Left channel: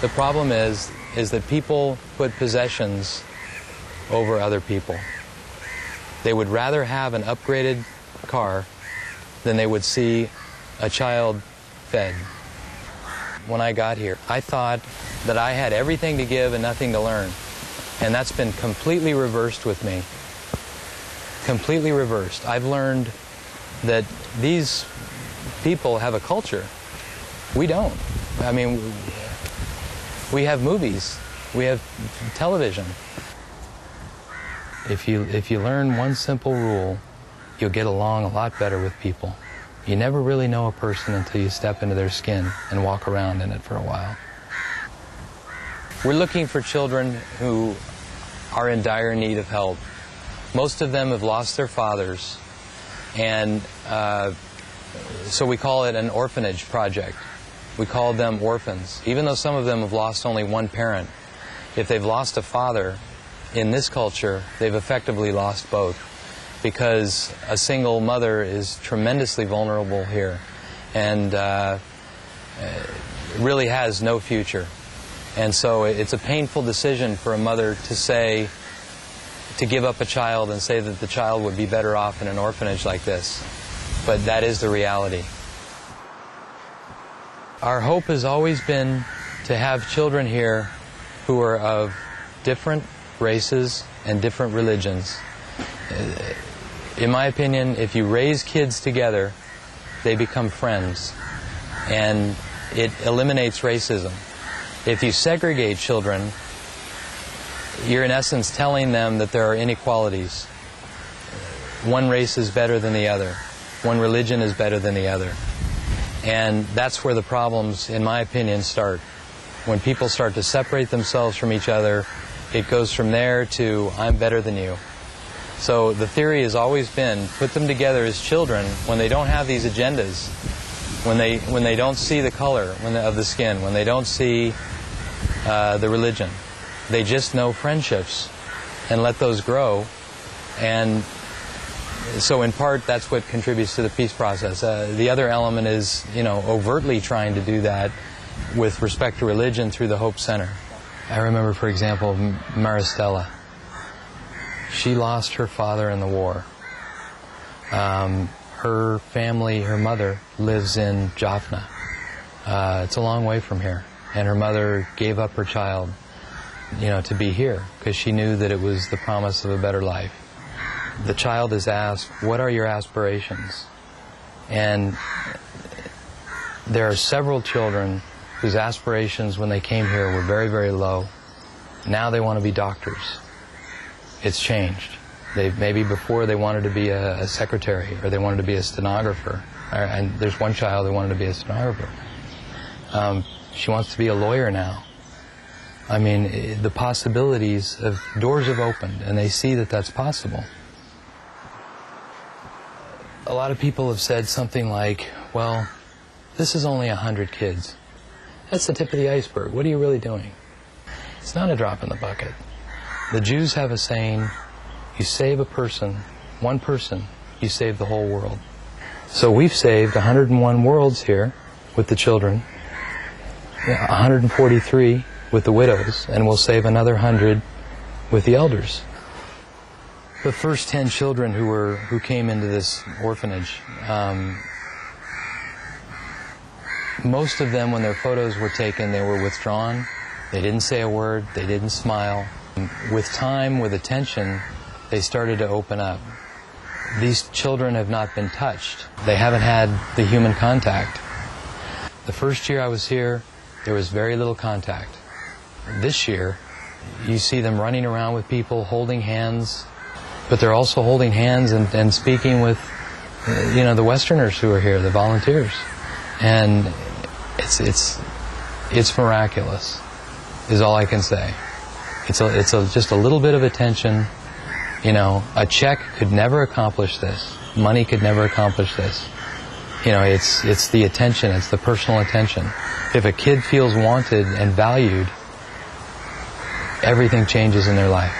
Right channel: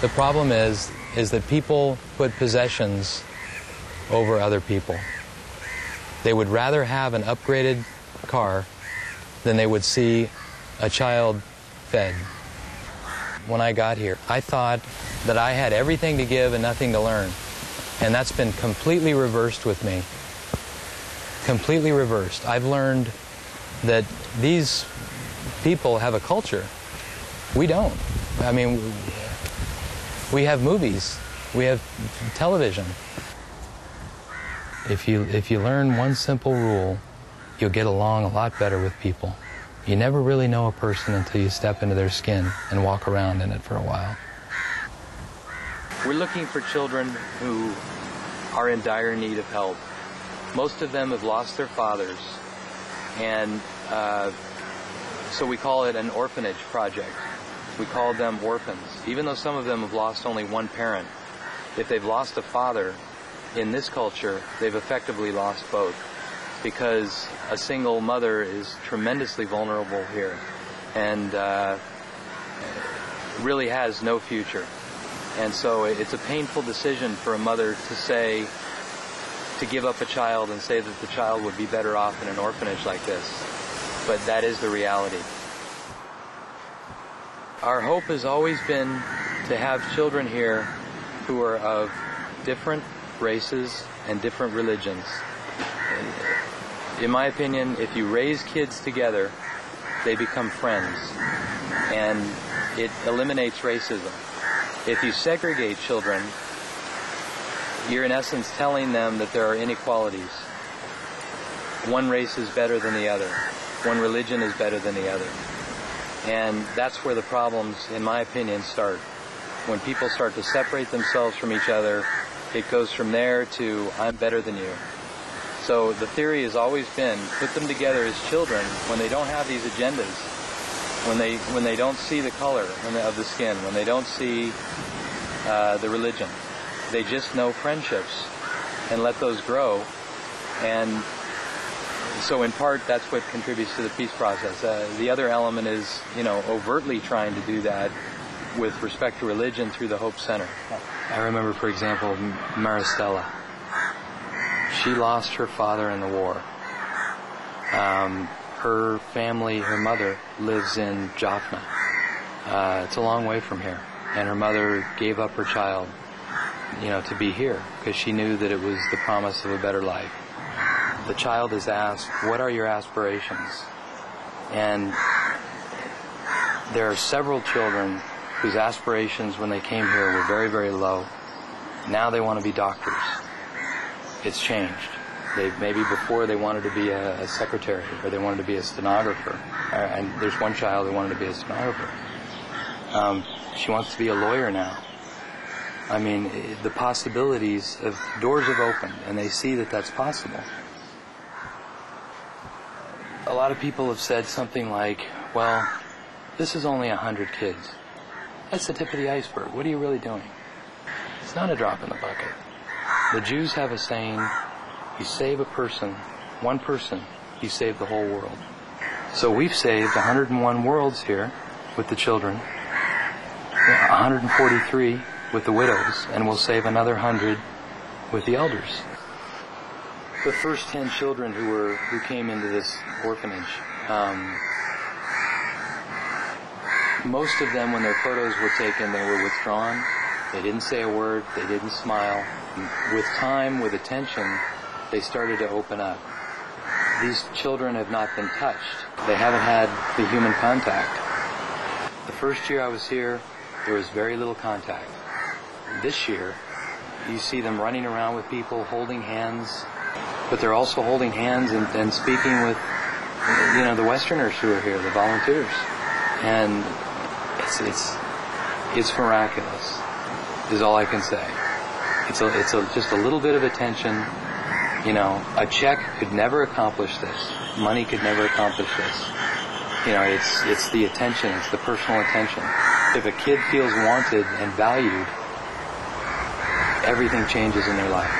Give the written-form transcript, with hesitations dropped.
The problem is that people put possessions over other people. They would rather have an upgraded car than they would see a child fed. When I got here, I thought that I had everything to give and nothing to learn. And that's been completely reversed with me. Completely reversed. I've learned that these people have a culture. We don't. I mean, we have movies. We have television. If you learn one simple rule, you'll get along a lot better with people. You never really know a person until you step into their skin and walk around in it for a while. We're looking for children who are in dire need of help. Most of them have lost their fathers, and so we call it an orphanage project. We call them orphans. Even though some of them have lost only one parent, if they've lost a father, in this culture, they've effectively lost both, because a single mother is tremendously vulnerable here and really has no future. And so it's a painful decision for a mother to give up a child and say that the child would be better off in an orphanage like this. But that is the reality. Our hope has always been to have children here who are of different races and different religions. In my opinion, if you raise kids together, they become friends, and it eliminates racism. If you segregate children, you're in essence telling them that there are inequalities. One race is better than the other. One religion is better than the other. And that's where the problems, in my opinion, start. When people start to separate themselves from each other, it goes from there to, I'm better than you. So the theory has always been, put them together as children when they don't have these agendas, when they don't see the color of the skin, when they don't see the religion. They just know friendships and let those grow. And so in part, that's what contributes to the peace process. The other element is, overtly trying to do that with respect to religion through the Hope Center. I remember, for example, Maristella. She lost her father in the war. Her family, her mother, lives in Jaffna. It's a long way from here. And her mother gave up her child, to be here, because she knew that it was the promise of a better life. The child is asked, what are your aspirations? And there are several children whose aspirations when they came here were very, very low. Now they want to be doctors. It's changed. Maybe before they wanted to be a secretary, or they wanted to be a stenographer. And there's one child who wanted to be a stenographer. She wants to be a lawyer now. I mean, the possibilities of doors have opened, and they see that that's possible. A lot of people have said something like, well, this is only 100 kids. That's the tip of the iceberg. What are you really doing? It's not a drop in the bucket. The Jews have a saying, you save a person, one person, you save the whole world. So we've saved 101 worlds here with the children, 143 with the widows, and we'll save another 100 with the elders. The first 10 children who came into this orphanage, most of them, when their photos were taken, they were withdrawn. They didn't say a word. They didn't smile. With time, with attention, they started to open up. These children have not been touched. They haven't had the human contact. The first year I was here, there was very little contact. This year, you see them running around with people, holding hands, but they're also holding hands and speaking with, the Westerners who are here, the volunteers. And it's miraculous, is all I can say. It's just a little bit of attention. A check could never accomplish this. Money could never accomplish this. It's the attention, it's the personal attention. If a kid feels wanted and valued, everything changes in their life.